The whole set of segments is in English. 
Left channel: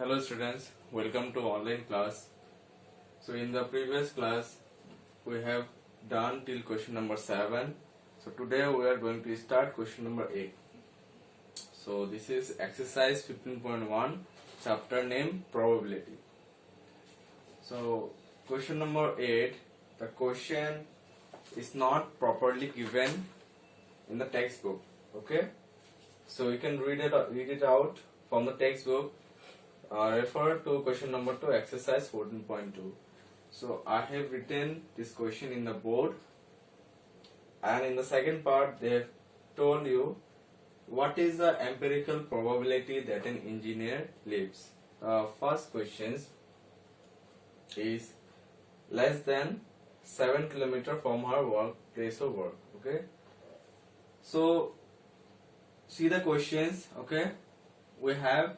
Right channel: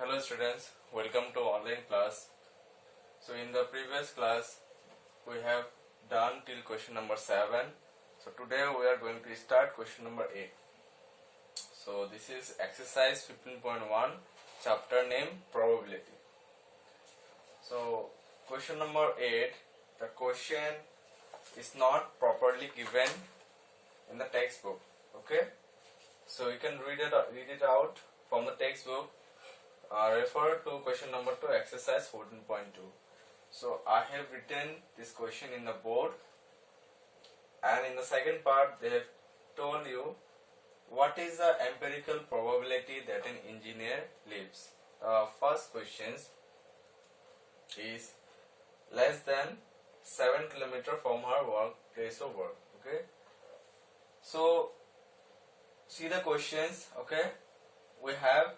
Hello students, welcome to online class. So in the previous class we have done till question number 7. So today we are going to start question number 8. So this is exercise 15.1, chapter name probability. So question number 8, the question is not properly given in the textbook. Okay, so you can read it out from the textbook. Refer to question number 2, exercise 14.2. So I have written this question in the board, and in the second part they have told you what is the empirical probability that an engineer lives. First questions is less than 7 km from her place of work. Okay, so see the questions. Okay, we have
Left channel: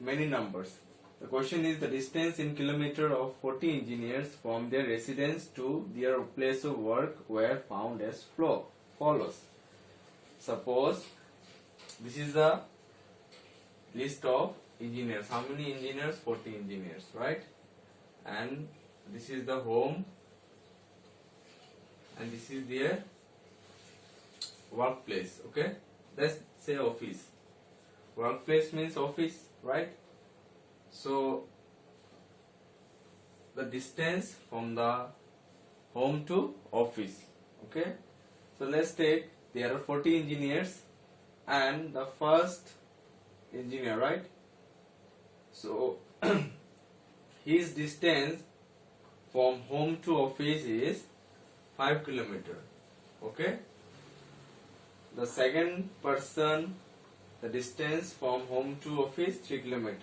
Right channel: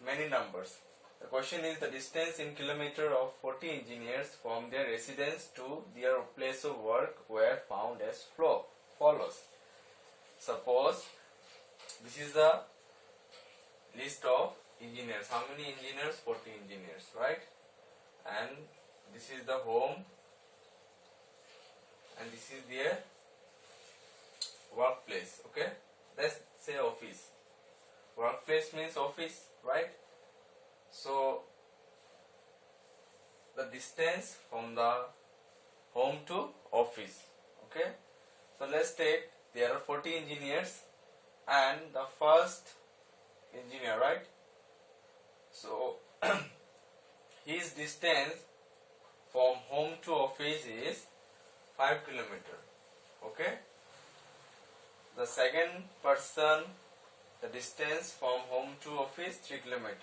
many numbers. The question is the distance in kilometer of 40 engineers from their residence to their place of work were found as follows. Suppose this is the list of engineers. How many engineers? 40 engineers, right? And this is the home, and this is their workplace. Okay, let's say office. Workplace means office, right? So the distance from the home to office. Okay, so let's take there are 40 engineers and the first engineer, right? So his distance from home to office is 5 km. Okay, the second person, the distance from home to office 3 km.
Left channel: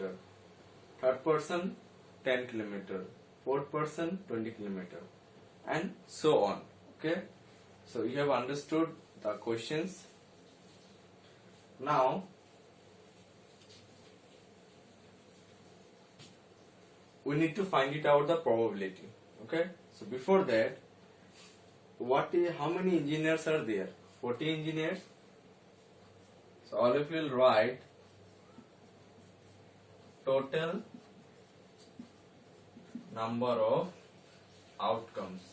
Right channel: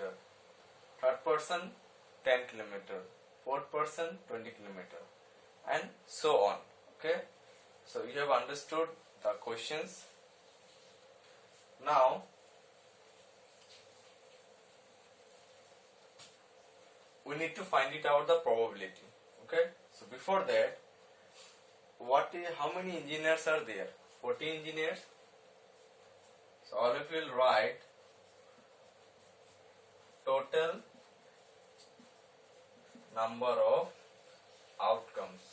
Third person 10 km. Fourth person 20 km, and so on. Okay, so you have understood the questions. Now we need to find it out the probability. Okay, so before that, how many engineers are there? 40 engineers. So all of you will write total number of outcomes.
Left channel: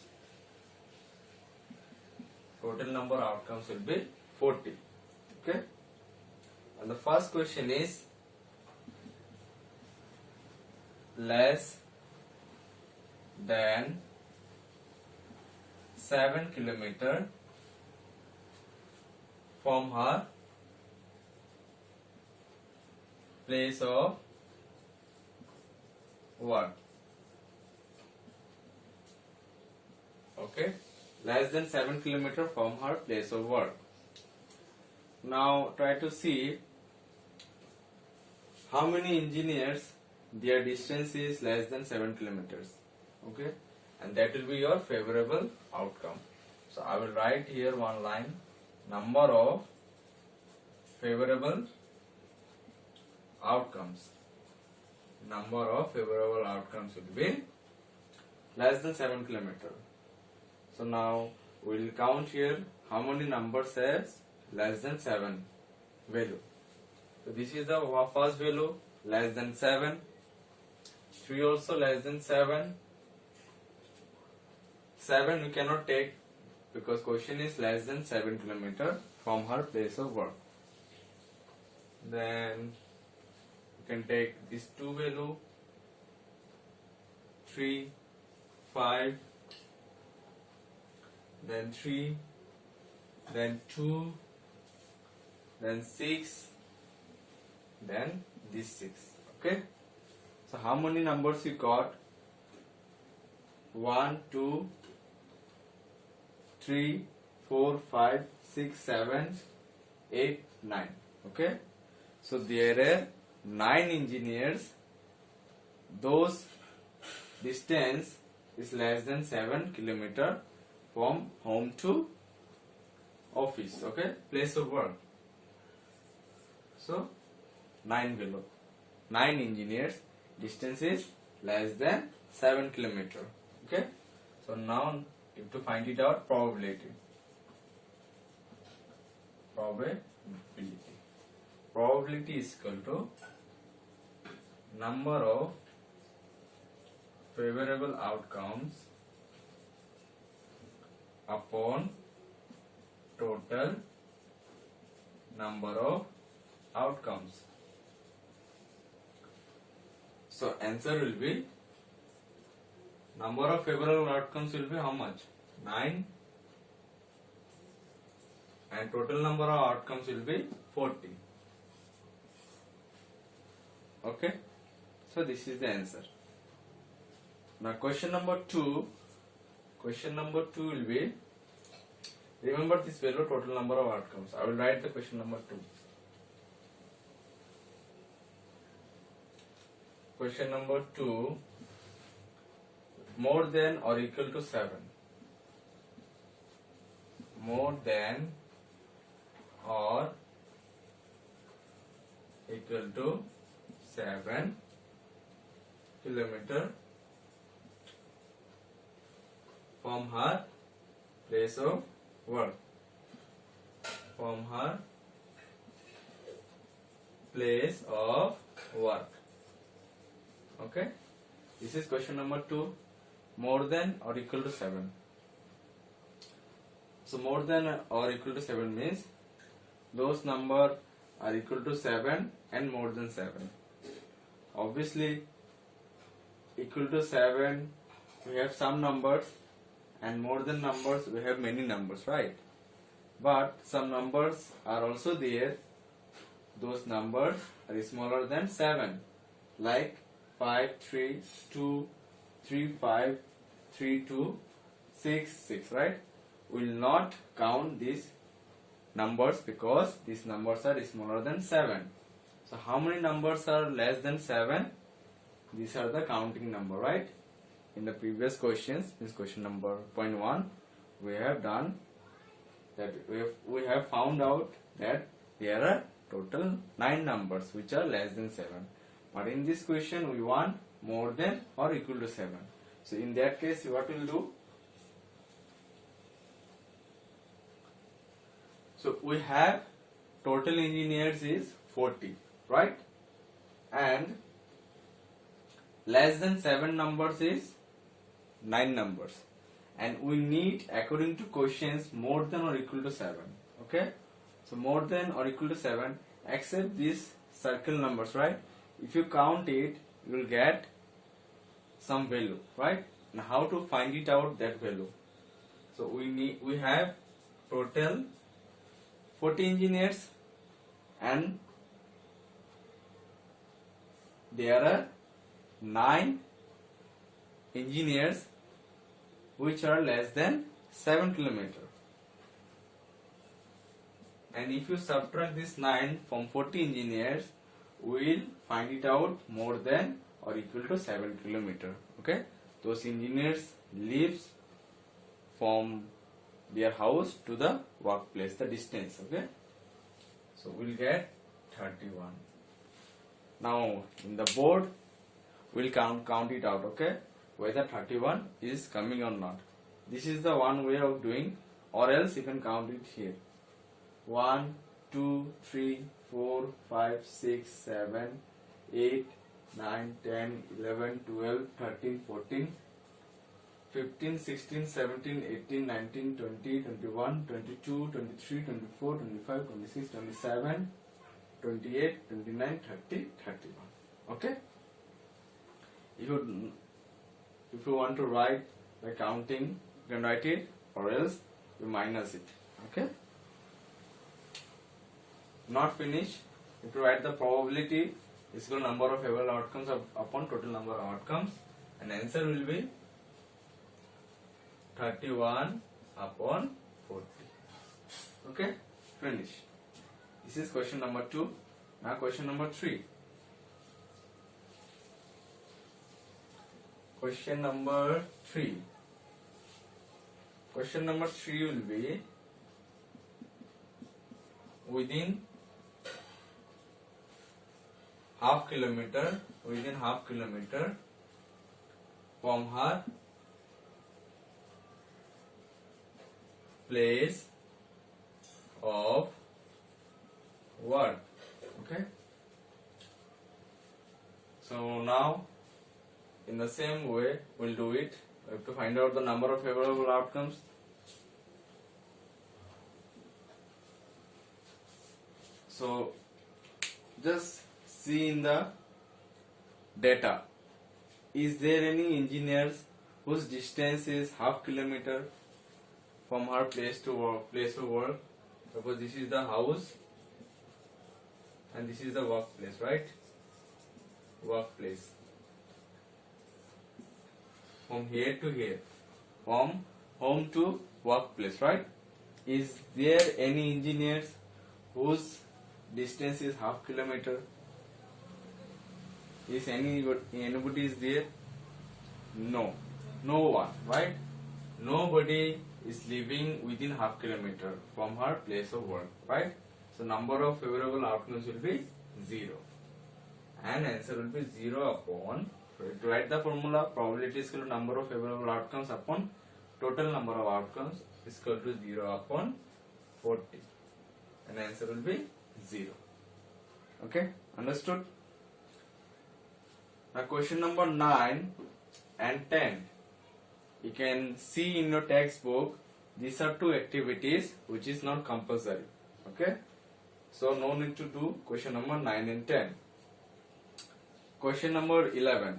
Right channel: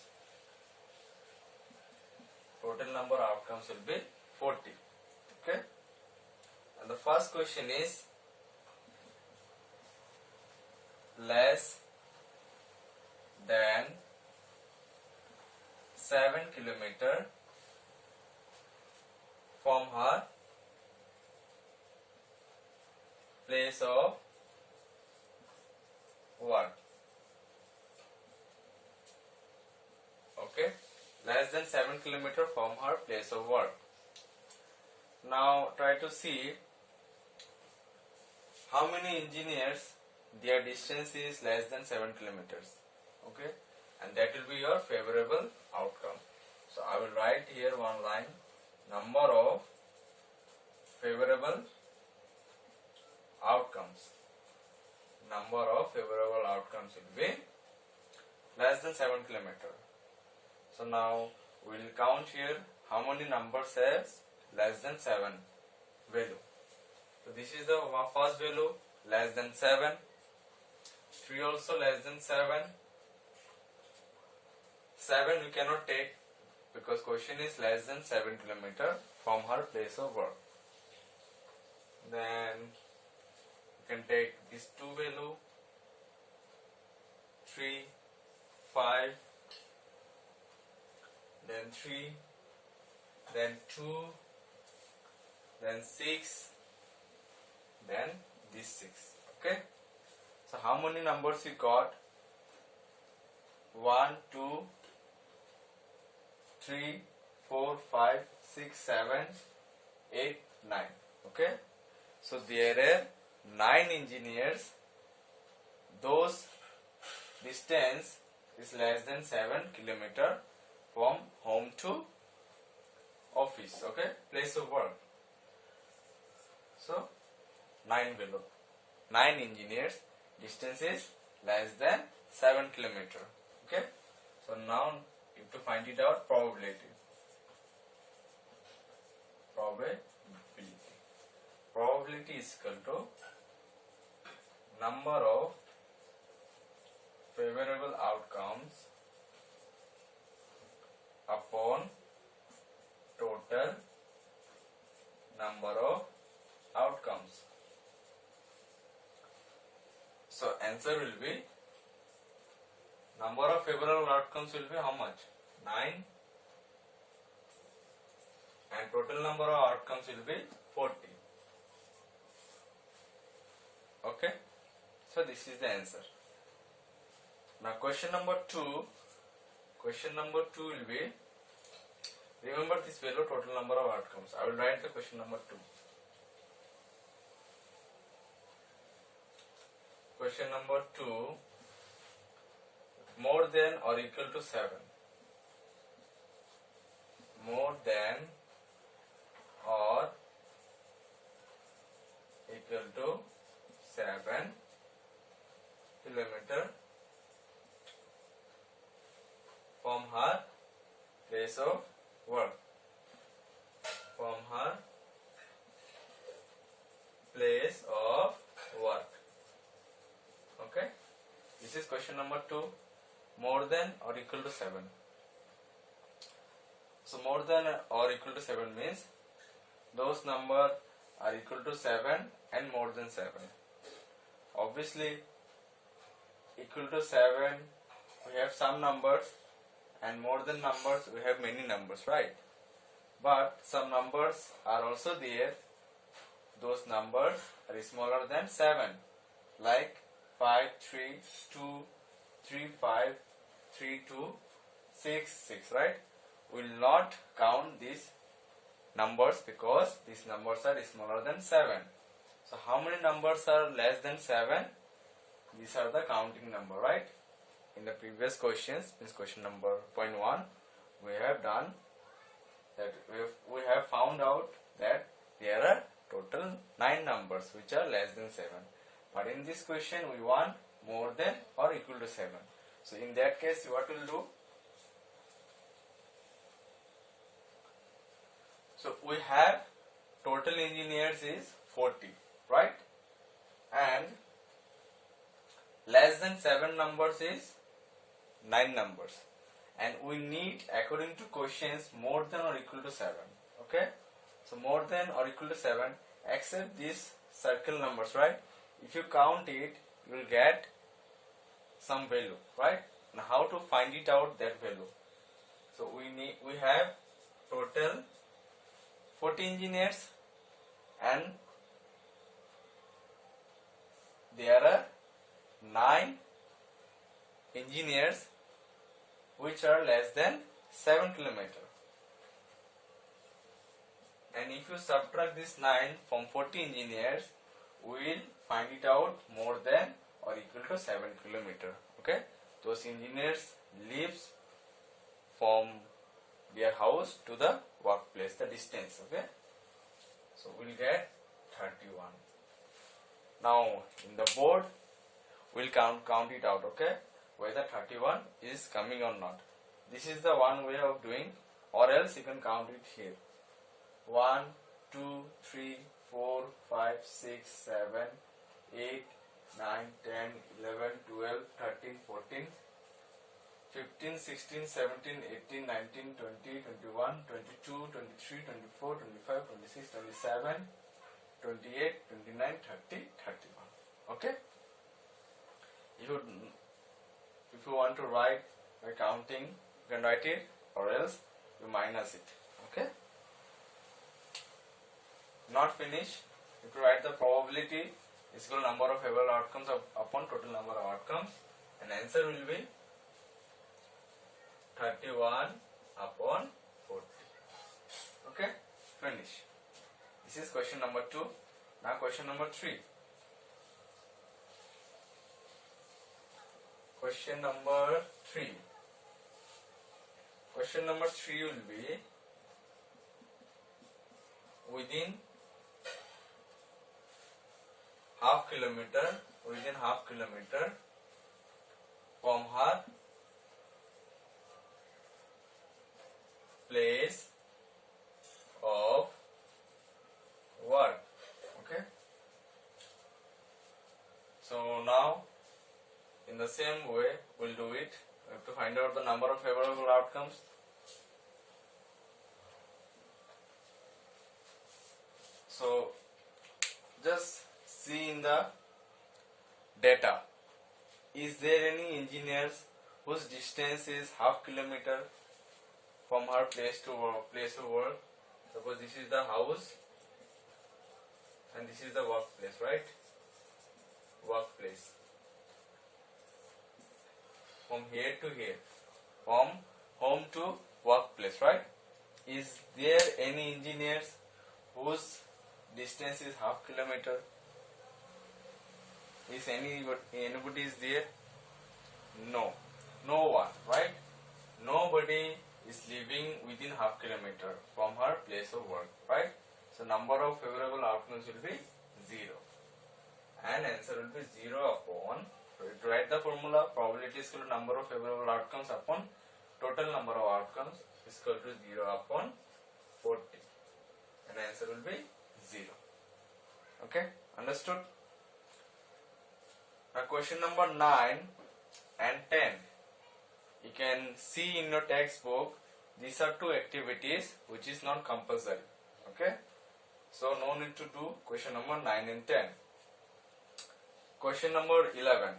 Total number of outcomes will be 40. Okay, and the first question is less than 7 km from her place of work. Okay, less than 7 km from her place of work. Now try to see how many engineers their distance is less than 7 kilometers. Okay, and that will be your favorable outcome. So I will write here one line, number of favorable outcomes. Number of favorable outcomes will be less than 7 km. So now we will count here how many numbers has less than 7 value. So this is the first value, less than 7. 3 also less than 7. 7 we cannot take because question is less than 7 km from her place of work. Then you can take these two value, 3, 5, then 3, then 2, then 6, then this 6. Okay, so how many numbers we got? 1, 2, 3, 4, 5, 6, 7, 8, 9. Okay, so there are 9 engineers. Those distance is less than 7 km from home to office. Okay, place of work. So 9 below. 9 engineers distance is less than 7 km. Okay, so now you have to find it out probability. Probability is equal to number of favorable outcomes upon total number of outcomes. So answer will be, number of favorable outcomes will be how much? 9, and total number of outcomes will be 40. Okay, so this is the answer. Now question number 2 will be, remember this value, total number of outcomes. I will write the question number 2. Question number 2, more than or equal to 7. More than or equal to 7 kilometer from her place of work. From her place of work. Okay, this is question number 2, more than or equal to 7. So more than or equal to 7 means those numbers are equal to 7 and more than 7. Obviously, equal to 7 we have some numbers, and more than numbers we have many numbers, right? But some numbers are also there, those numbers are smaller than 7, like 5, 3, 2, 3, 5, 3, 2, 6, 6, right? We will not count these numbers because these numbers are smaller than 7. So how many numbers are less than 7? These are the counting number, right? In the previous questions, in question number 0.1, we have done that, we have found out that there are total 9 numbers which are less than 7. But in this question we want more than or equal to 7. So in that case what we will do? So we have total engineers is 40, right? And less than 7 numbers is 9 numbers. And we need, according to questions, more than or equal to 7. Okay? So more than or equal to 7, except these circle numbers, right? If you count it, you will get some value, right? Now how to find it out, that value? So we have total 40 engineers, and there are 9 engineers which are less than 7 kilometer. And if you subtract this 9 from 40 engineers, we will find it out more than or equal to 7 kilometer. Okay, those engineers lives from their house to the workplace, the distance. Okay, so we'll get 31. Now in the board we'll count it out. Okay, whether 31 is coming or not. This is the one way of doing, or else you can count it here. 1, 2, 3, 4, 5, 6, 7, 8, 9, 10, 11, 12, 13, 14, 15, 16, 17, 18, 19, 20, 21, 22, 23, 24, 25, 26, 27, 28, 29, 30, 31. Okay? If you want to write by counting, you can write it, or else you minus it. Okay? Not finished. If you write the probability is equal to number of favorable outcomes upon total number of outcomes, and answer will be 31 upon 40. Okay, finish. This is question number 2. Now question number 3. Question number 3. Question number 3 will be, within half kilometer from her place of work. Okay, so the same way we'll do it. We have to find out the number of favorable outcomes. So just see in the data. Is there any engineers whose distance is half kilometer from her place to work? Suppose this is the house and this is the workplace, right? Workplace. From here to here. From home to workplace, right? Is there any engineers whose distance is half kilometer? Is anybody is there? No. No one, right? Nobody is living within half kilometer from her place of work, right? So number of favorable outcomes will be 0. And answer will be 0 upon, to write the formula, probability is equal to number of favorable outcomes upon total number of outcomes is equal to 0 upon 40. And answer will be 0. Okay, understood? Now question number 9 and 10. You can see in your textbook, these are two activities which is not compulsory. Okay, so no need to do question number 9 and 10. Question number 11.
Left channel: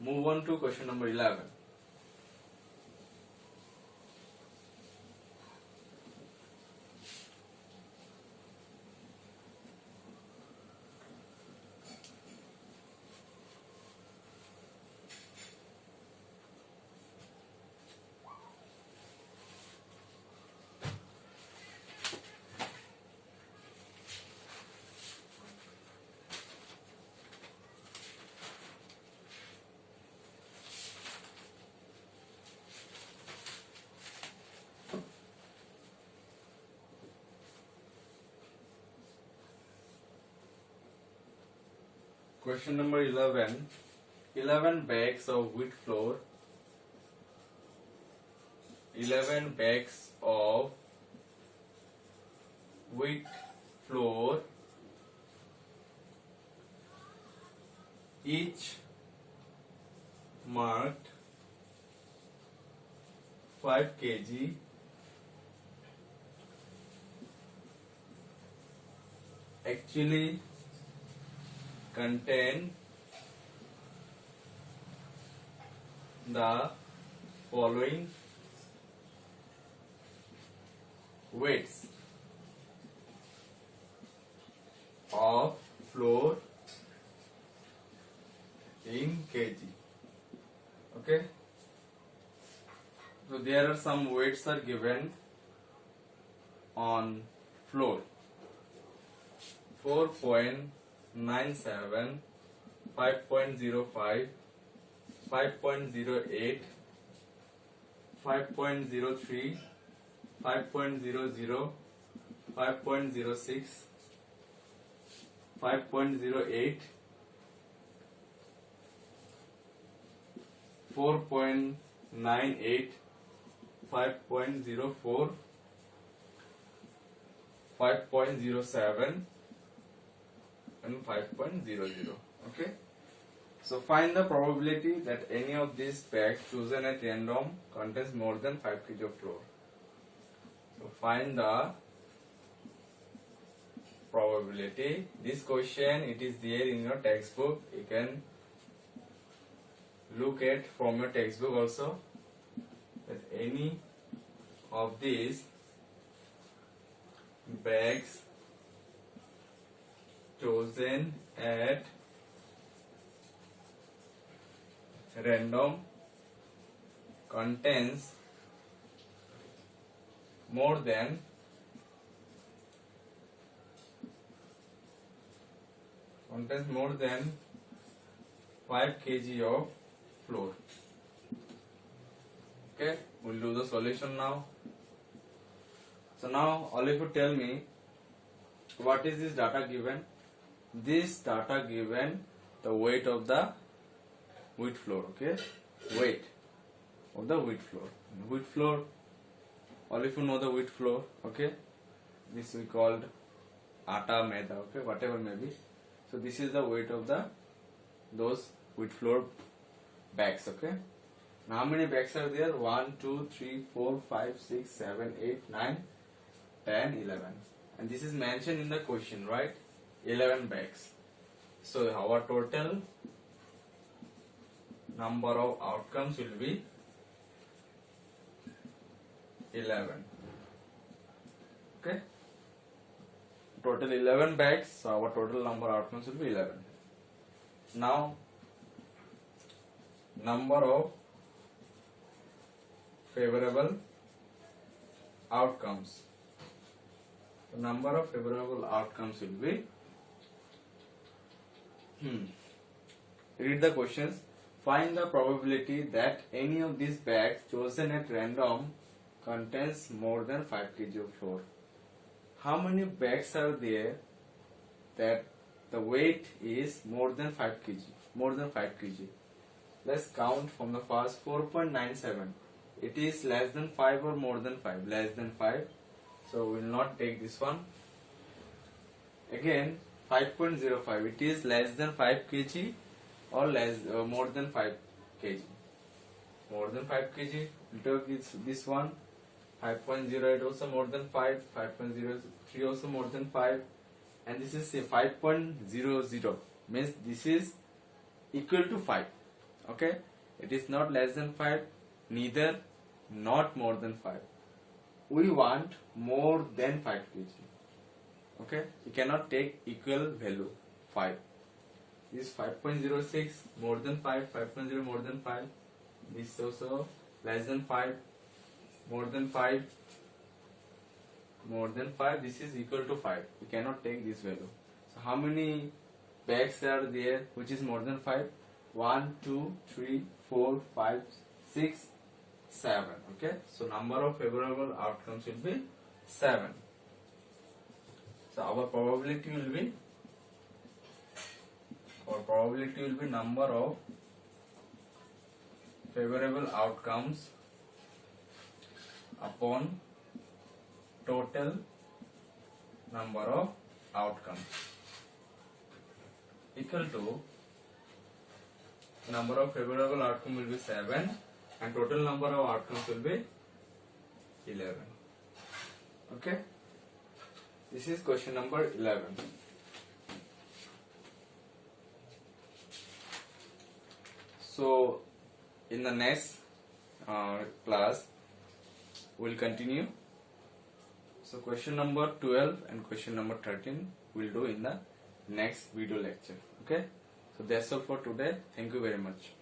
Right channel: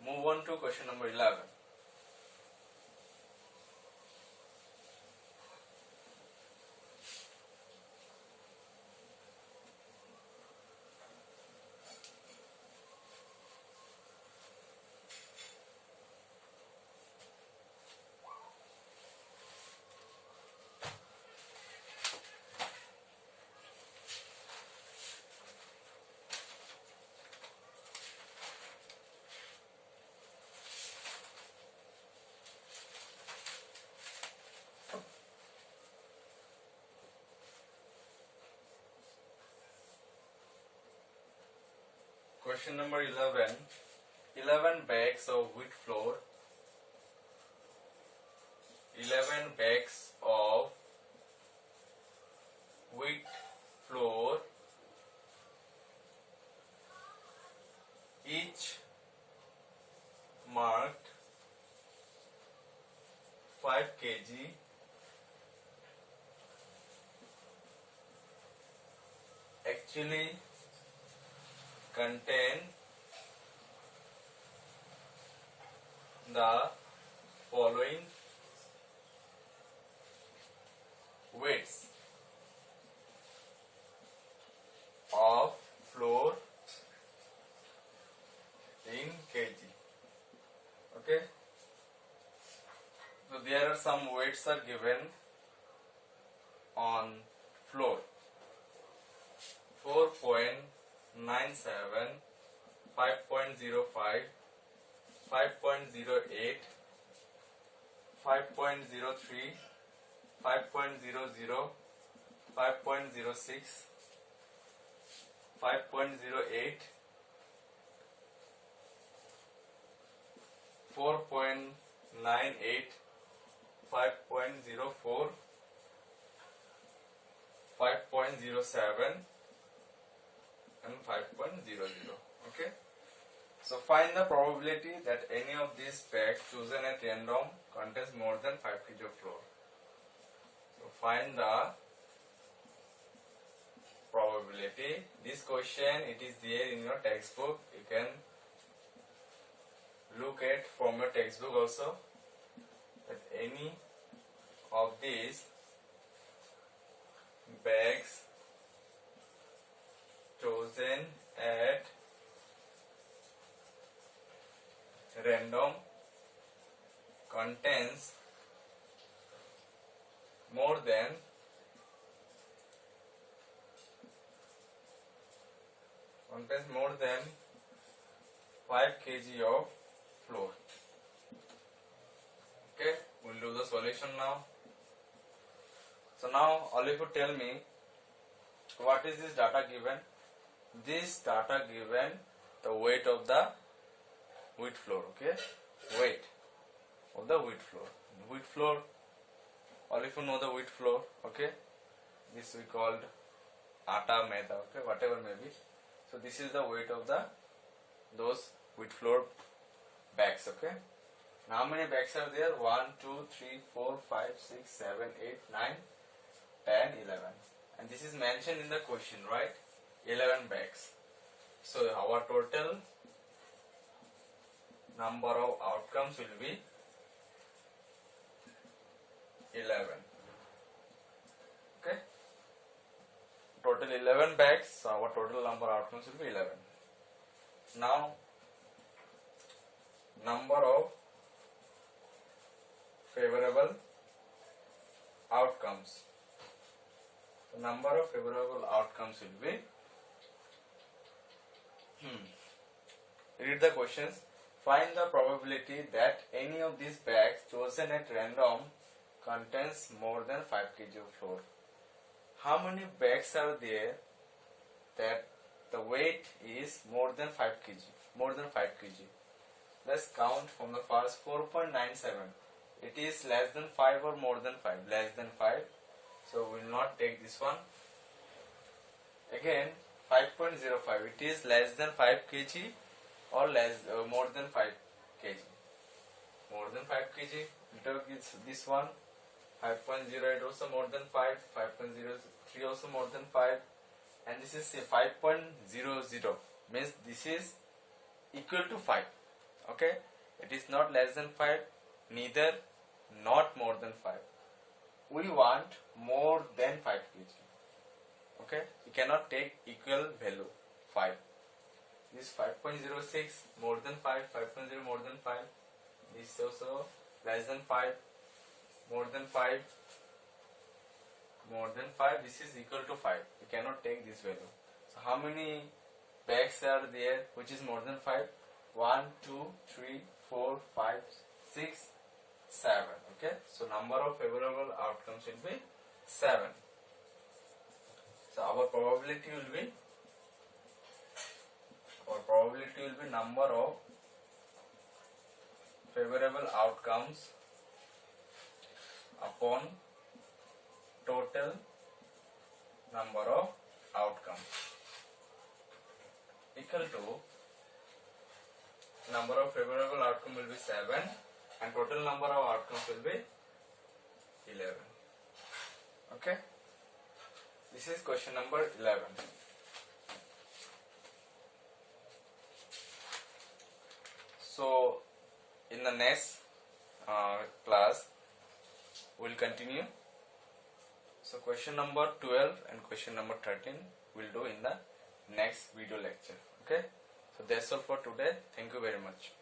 Move on to question number 11. Question number 11. 11 bags of wheat flour. 11 bags of wheat flour, each marked 5 kg, actually contain the following weights of flour in kg. Okay, so there are some weights are given on flour: 4.97, 5.05, 5.08, 5.03, 5.00, 5.06, 5.08, 4.98, 5.04, 5.07 and 5.00. Okay, so find the probability that any of these bags chosen at random contains more than 5 kg of flour. So find the probability. This question, it is there in your textbook. You can look at from your textbook also, that any of these bags chosen at random contains more than 5 kg of flour. Okay, we'll do the solution now. So now all of you tell me, what is this data given? This data given the weight of the wheat flour. Okay, weight of the wheat flour. Wheat flour, all of you know the wheat flour. Okay, this we called atta, maida. Okay, whatever may be. So this is the weight of those wheat flour bags. Okay. Now how many bags are there? 1, 2, 3, 4, 5, 6, 7, 8, 9, 10, 11. And this is mentioned in the question, right? 11 bags. So our total number of outcomes will be 11. Okay. Total 11 bags. So our total number of outcomes will be 11. Now number of favorable outcomes. The number of favorable outcomes will be read the questions. Find the probability that any of these bags chosen at random contains more than 5 kg of flour. How many bags are there that the weight is more than 5 kg? More than 5 kg. Let's count from the first. 4.97. It is less than 5 or more than 5? Less than 5. So we will not take this one. Again 5.05. It is less than 5 kg or more than 5 kg. More than 5 kg. We take this one. 5.08 also more than 5. 5.03 also more than 5. And this is 5.00. Means this is equal to 5. Okay. It is not less than 5. Neither not more than 5. We want more than 5 kg. Okay. You cannot take equal value 5. This 5.06 more than 5. 5.0 more than 5. This also less than 5. More than 5. More than 5. This is equal to 5. You cannot take this value. So how many bags are there which is more than 5? 1, 2, 3, 4, 5, 6, 7. Okay. So number of favorable outcomes will be 7. So our probability will be number of favorable outcomes upon total number of outcomes equal to number of favorable outcome will be 7 and total number of outcomes will be 11. Okay. This is question number 11. So in the next class we'll continue. So question number 12 and question number 13 we'll do in the next video lecture. Okay. So that's all for today. Thank you very much.